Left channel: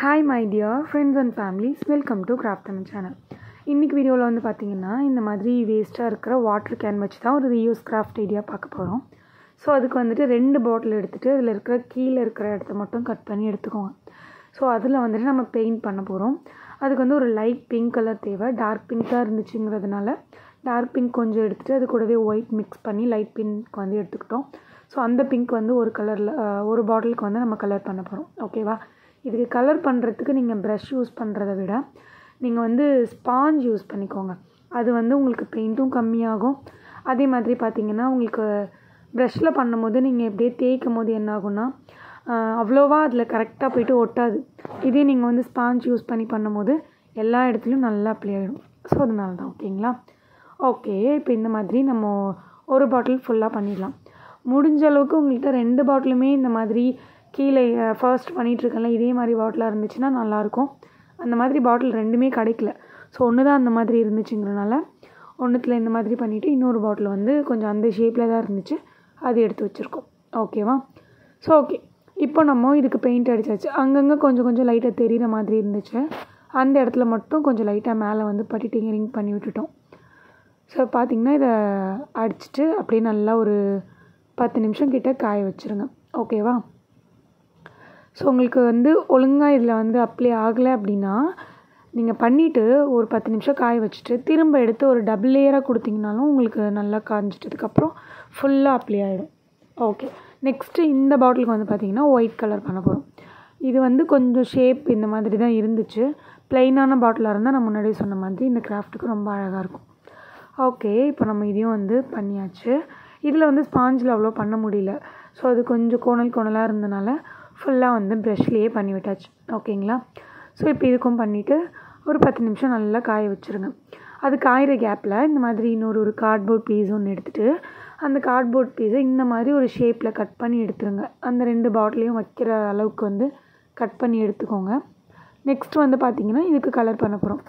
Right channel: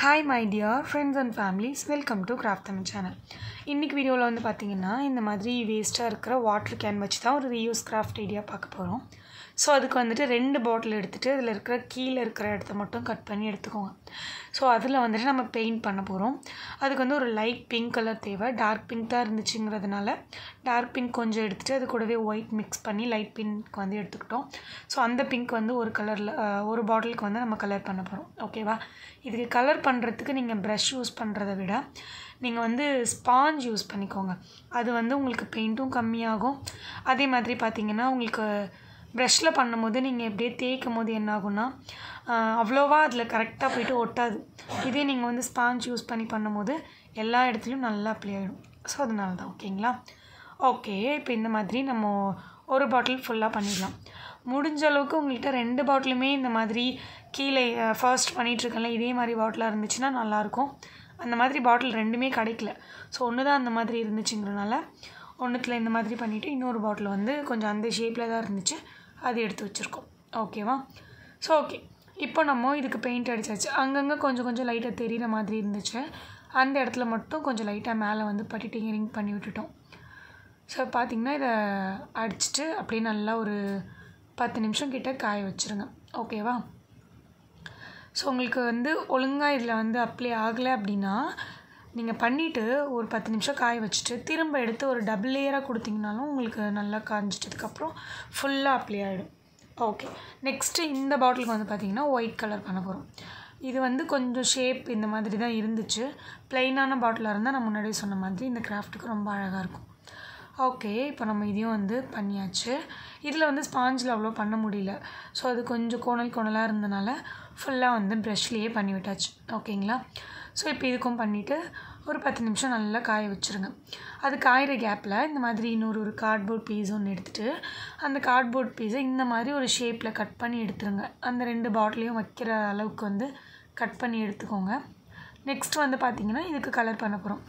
Hi my dear friends and families, welcome to Craft Tamil channel. இன்னைக்கு வீடியோவில் வந்து பார்த்தீங்கன்னா இந்த மாதிரி வேஸ்ட்டாக இருக்கிற வாட்டர் கேன் வச்சு தான் ஒரு ரீயூஸ் கிராஃப்ட் ஐடியா பார்க்க போகிறோம். ஸோ அதுக்கு வந்துட்டு 2 பாட்டில் எடுத்துகிட்டு அதில் இருக்கிற கீழே இருக்கிற இடத்த மட்டும் கட் பண்ணி எடுத்துக்கோங்க. ஸோ அதில் வந்துட்டு நம்ம பெயிண்ட் பண்ண போகிறோம். அதுக்கு வந்து ஒரு லைட் பிங்க் கலர் தேவை. டார்க் பிங்க் தான் இருந்துச்சுங்கிறதுனால டார்க் பிங்க் கொஞ்சம் எடுத்துகிட்டு அது கூடவே ஒயிட் மிக்ஸ் பண்ணி லைட் பிங்க் வந்து எடுத்துக்கிட்டோம். ஸோ அந்த பிங்க் வந்து ஒரு கலரில் ஒரு பாட்டிலுக்கு வந்து நம்ம கலர் பண்ண போகிறோம். ஓகேவா? இதுக்கு கலர் பண்ணுறதுக்கு நீங்கள் ப்ரஷ் யூஸ் பண்ணுறத விட நீங்கள் வந்து ஸ்பாஞ்ச் யூஸ் பண்ணிக்கோங்க. அது வந்து உங்களுக்கு பெயிண்ட்டும் கம்மியாகும். அதே மாதிரி பார்த்திங்கன்னா உங்களுக்கு ப்ரஷ்ஷில் பண்ணும்போது நீங்கள் எப்படியே தேய்க்கும் போது என்ன ஆகும்னா அவ்வளோவா அதில் கரெக்டாக போய்ட்டு ஒட்டாது. இதே நீங்கள் வந்து ஸ்பாஞ்ச் யூஸ் பண்ணி பண்ணும்போது எல்லா இடத்துலையும் நல்லா அப்ளை ஆகிடும். ஸோ அதனால தான். ஓகேங்களா? ஓகே, இப்போ இந்த மாதிரி நம்ம ஒரு பாட்டில் ஃபுல்லாக பண்ணிடலாம். முடிஞ்ச அளவுக்கு உங்கள்கிட்ட 2 பாட்டிலுமே இந்த மாதிரி கீழே ஃபர்ஸ்ட் பண்ணிகிட்ருக்கேன்ல இதே மாதிரி பாட்டிலாக இருந்துச்சுன்னா நல்லாயிருக்கும். அந்த மாதிரி பாட்டில் 2மே கிடைக்கல. ஸோ ஒன்று தான் அந்த மாதிரி இருந்துச்சுங்கிறனால ஒன்றுத்தில் இந்த மாதிரி பண்ணிவிட்டு இன்னொரு பாட்டில் வந்து கொஞ்சம் அந்த ஷேப்பில் தான் இருந்துச்சு, அது எடுத்து வச்சுருக்கோம். ஓகேவா? ஸோ ஓகே, இப்போ நம்ம இதுக்கு பெயிண்ட் அடித்தாச்சு. அங்கங்கே கொஞ்சம் கொஞ்சம் லைட்டாக தெரிகிற மாதிரி இருந்துச்சு. அந்த இடத்துல மட்டும் கொஞ்சம் லைட்டாக மேலே வந்து பட்டிட்டிங்கரிங் பண்ணி விட்டுட்டோம். ஸோ பார்த்திங்கன்னா இதை அடிச்சுட்டு அப்படியே நல்லா ஒரு 10 நிமிஷம் கிட்ட காய வச்சுருங்க. ஓகேவா? ஸோ உங்களுக்கு வந்து ஒழுங்காக இதில் வந்து அப்ளை ஆகலை அப்படின்னா நீங்கள் பண்ணிவிட்டு ஒரு 10 நிமிஷம் காய வச்சுட்டு திரும்ப எடுத்து ஒரு டபுள் லேயராக கொடுத்திங்கனாலும் உங்களுக்கு நல்லா காய்ஞ்சிட்டதுக்கப்புறம் ஃபுல்லாக அப்ளை ஆகிடும். ஓகே, நெக்ஸ்ட்டு இந்த பாட்டிலுக்கு வந்து பார்த்திங்கன்னா ஒயிட் கலர் பண்ண போகிறோம். இது வந்து கொஞ்சம் ஷேப் இந்த மாதிரி தான் இருந்துச்சு. ப்ளெயினான பாட்டிலாக இருந்தால் நான் முன்னாடியே சொன்ன மாதிரி இந்த கிராஃப்ட்டுக்கு ரொம்ப அழகாக இருக்கும். ஓகே, இப்போ நம்ம இதையும் வந்து பண்ணியாச்சு. இதில் வந்து ஸ்பாஞ்சில் அவ்வளோ பண்ண முடியல. ஸோ அது கொஞ்சம் கோணலாக இருந்தனால ஃபுல்லாக வந்து ப்ரஷ்லேயே பண்ணி விட்டாச்சு. ஓகேங்களா? ஸோ இப்போ இதுக்கும் பண்ணிவிட்டு ஒரு 10 நிமிஷம் நல்லா காய வச்சுருங்க. அது காயிற கேப்பில் இந்த மாதிரி இன்னொரு கார்ட்போர்ட் பீஸ் ஒன்று எடுத்துகிட்டு அந்த கார்ட்போர்ட் பீஸை இந்த மாதிரி ஒரு ஷேப்பில் கட் பண்ணி எடுத்துருங்க. அந்த 2 பாட்டிலையும் வைக்கிற அளவுக்கு வந்து கட் பண்ணி எடுத்துக்கோங்க. நெக்ஸ்ட் வந்து பார்த்திங்கன்னா இதுக்கு கலர் பண்ண போகிறோம்.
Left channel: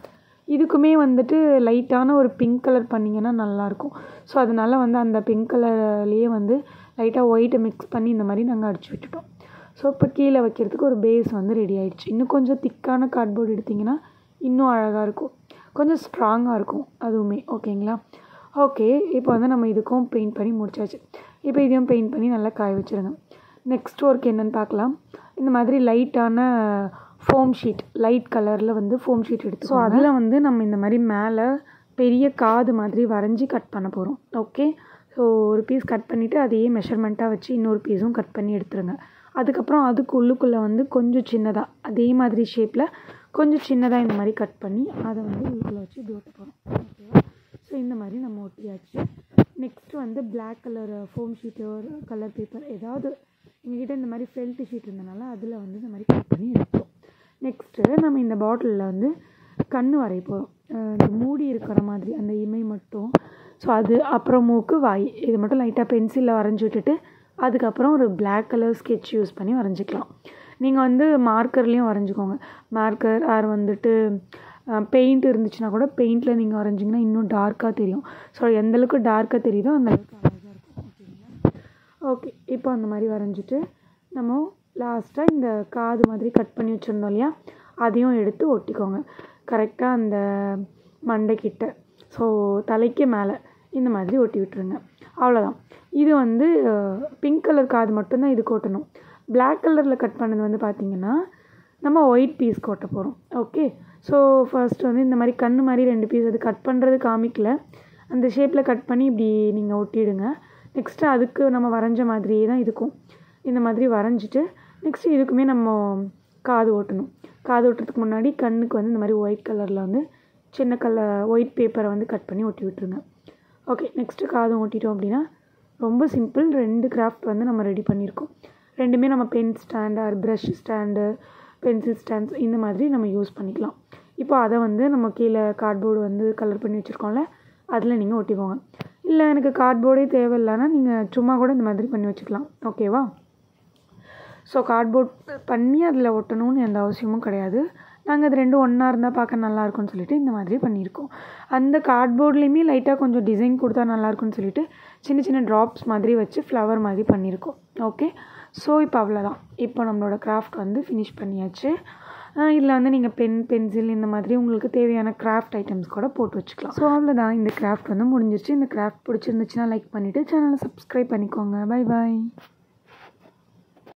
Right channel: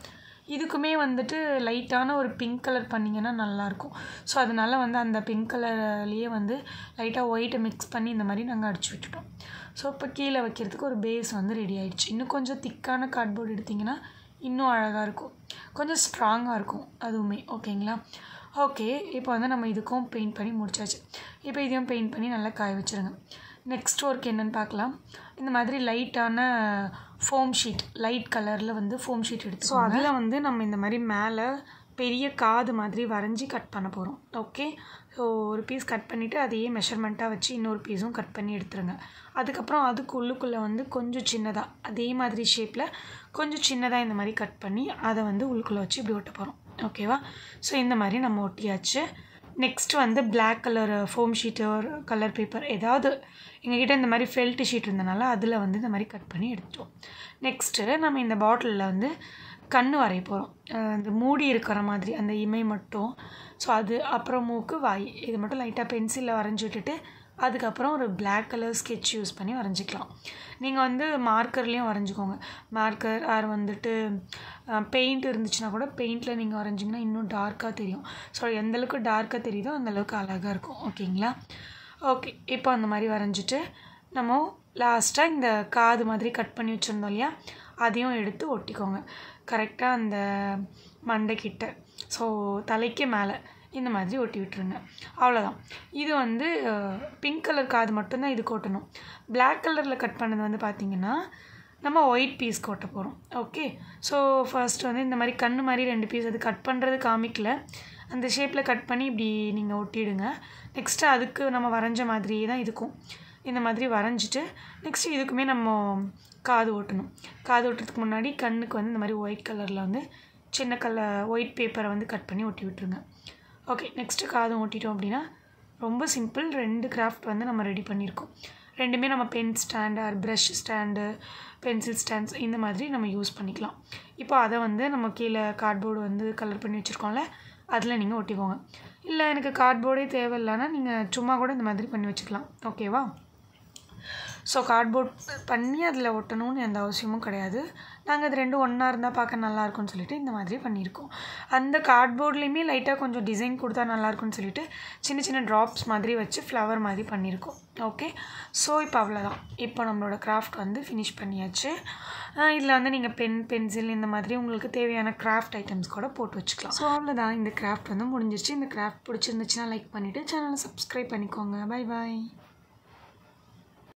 இதுக்குமே வந்துட்டு லைட்டான ஒரு பிங்க் கலர் பண்ணிங்கன்னா நல்லாயிருக்கும். ஸோ அதனால் வந்து அந்த பிங்க் கலர்லேயே வந்து லைட்டாக ஒயிட்டை மிக்ஸ் பண்ணி இந்த மாதிரி நாங்கள் அடிச்சு விட்டுட்டோம். ஸோ இப்போ கீழே வைக்கிறதுக்கு ஒரு பேஸ் வந்து ரெடி ஆகிடுச்சு. இன்னும் கொஞ்சம் திக்கான கார்ட்போர்டு எடுத்திங்கன்னா இன்னும் அழகாக இருக்கும், கொஞ்சம் ஸ்ட்ராங்காக இருக்கும் அதுவுமே. ஓகேங்களா? ஓகே, இப்போ வந்து நம்ம இதுக்கும் பெயிண்ட் பண்ணி முடிச்சாச்சு. இப்போ இதையும் பெயிண்ட் பண்ணி நல்லா காய வச்சுருங்க. நெக்ஸ்ட் ஒர்க் என்னென்னு பார்க்கலாம். இந்த மாதிரி லைட்டான ஃபோம் ஷீட், லைட் கலரில் வந்து ஃபோம் ஷீட் எடுத்து ஸோ அதில் வந்து நம்ம இந்த மாதிரி மேலே பெரிய காது மாதிரி வரைஞ்சி கட் பண்ண போகிறோம். ஓகே, ஸோ ஒரு பீஸ் கட் பண்ணிவிட்டு அதையே மெஷர்மெண்ட்டாக வச்சு இன்னொரு பீஸும் கட் பண்ணி எடுத்துருங்க. அதுக்கப்புறம் அதுக்கு உள்ளுக்குள்ளே வந்து கொஞ்சம் சின்னதாக அதே மாதிரி ஷேப்பில் கொஞ்சம் சின்னதாக இந்த மாதிரி கட் பண்ணி அதை வந்து உள்ளுக்குள்ளே வச்சு இப்படி ஒட்ட போகிறோம். ஓகேவா? ஸோ இந்த மாதிரி நம்ம ஒட்டியாச்சு. நெக்ஸ்ட்டு வந்து பிளாக் கலர் ஃபோம் ஷீட்டு ஒரு கலர் பேப்பர் ஏதாவது எங்ககிட்ட இந்த மாதிரி ஃபெல்ட் ஷீட் இருந்தனால அதில் வந்து இந்த மாதிரி கட் பண்ணி எடுத்தோம். நெக்ஸ்ட்டு நம்ம இந்த பாட்டிலில் வந்து கண் வரைய போகிறோம். அந்த மூடி இருக்கிற மாதிரி அந்த இமை மட்டும். ஸோ அது அப்புறம் மூக்கு, வாய் இது மட்டும் லைட்டாக பென்சிலில் வரைஞ்சி விட்டுட்டு அதுக்கப்புறம் ஒரு பிளாக் கலர் ஸ்கெட்ச் யூஸ் பண்ணி வரைஞ்சிக்கலாம். நீங்கள் வந்து மார்க்கர்லேயும் வரைஞ்சிக்கோங்க. மார்க்கர் ஆர் வந்துட்டு பெயிண்ட் இருந்துச்சுன்னா கூட பெயிண்டில் நீங்கள் வரைஞ்சிங்கன்னா இன்னும் டார்க்காக தெரியும். ஸோ எந்தளவுக்கு டார்க்காக தெரியுதோ அந்தளவுக்கு அழகாக இருக்கும். ஓகேங்களா? ஓகே, இப்போ அந்த மாதிரி வரைஞ்சிட்டு நம்ம லாஸ்ட்டாக இந்த காது மாதிரி கட் பண்ணி வச்சுருந்தோம் இல்லையா, அதையும் எடுத்து ஒட்டிக்கோங்க கரெக்டாக அந்த மண்டைக்கிட்ட. ஸோ தலைக்கு மேலே இந்த மாதிரி ஒட்டி விட்டுருங்க. அவ்வளோதான். இது வந்து பிங்க் கலர் காது மட்டும்தான் இதுக்கு ஒட்டணும். பிளாக் கலரில் கட் பண்ணது வந்து பார்த்திங்கன்னா நம்ம ஒயிட் பீஸ் ஒட்ட போகிறோம். ஓகே, ஸோ ஃபர்ஸ்ட் வந்து இந்த மாதிரி கண் மாதிரி 2 பீஸ் அது கட் பண்ணுறது காமிக்கல, அந்த ஷேப்பில் கட் பண்ணி இப்படி நீங்கள் ஒட்டிடுங்க. நெக்ஸ்ட்டு அதுக்கு நம்ம வரைஞ்ச மாதிரியே தான் இதுக்கும் இந்த மாதிரி வரைஞ்சிட்டு நெக்ஸ்ட்டு இதுக்குமே நம்ம காது ஓட்டணும். காது ஓட்டுறதுக்கு முன்னாடி கண்ணுக்கு வந்து இந்த மாதிரி ஒயிட் கலரில் வந்து சின்ன ஒயிட் பேப்பரை வந்து கட் பண்ணி ஒட்டி விட்டுருங்க. ஓகே, நெக்ஸ்ட்டு காதும் ஓட்டிட்டோம் அப்படின்னா ரொம்ப சிம்பிள். 2 கிராஃப்ட் வந்து நம்ம ரெடி பண்ணியிருக்கோம். 2மே நம்ம pen stand or brush stand, pencil stands இந்த மாதிரி நம்ம யூஸ் பண்ணிக்கலாம். இப்போ அதை வந்து நம்ம கீழே கார்ட்போர்டு வந்து கலர் பண்ணி வச்சுருக்கோம்ல அதில் நீங்கள் ஒட்டிக்கோங்க. இல்லை எனக்கு கார்ட்போர்டே தேவையில்லைன்னா நீங்கள் சும்மா கூட இந்த மாதிரி பண்ணி வச்சுக்கலாம். ஓகேவா? ஸோ கார்ட்போர்ட் பண்ணி அதில் ஒட்டணும்னு எந்த அவசியமும் கிடையாது. நாங்கள் அது ரெண்டும் ஒன்றா இருந்தால் பார்க்க நல்லாயிருக்கும்னு சொல்லிட்டு இந்த மாதிரி பண்ணியிருக்கோம். அந்த கார்ட்போர்ட்லேயுமே லைட்டாக கொஞ்சம் டிசைன் கொடுத்தா நல்லாயிருக்கும்னு சொல்லிட்டு சின்ன சின்ன ட்ராப்ஸ் மாதிரி வச்சு ஃப்ளவர் மாதிரி பண்ணியிருக்கோம். ஓகே, ஸோ இப்போ அவ்வளோதான். இப்போ நம்மளோட கிராஃப்ட் வந்து ஃபினிஷ் பண்ணியாச்சு. இதில் வந்து நீங்கள் பென்சில் இந்த மாதிரி உங்களுக்கு தேவையான கிராஃப்ட் ஐட்டம்ஸ் கூட போட்டு வச்சுக்கலாம். ஸோ அவ்வளோதான், இந்த கிராஃப்ட் வந்து முடிஞ்சிருச்சு. இந்த கிராஃப்ட் பிடிச்சிருந்துச்சுன்னா லைக் பண்ணிவிட்டு சேனலை சப்ஸ்கிரைப் பண்ணிக்கோங்க. Bye bye.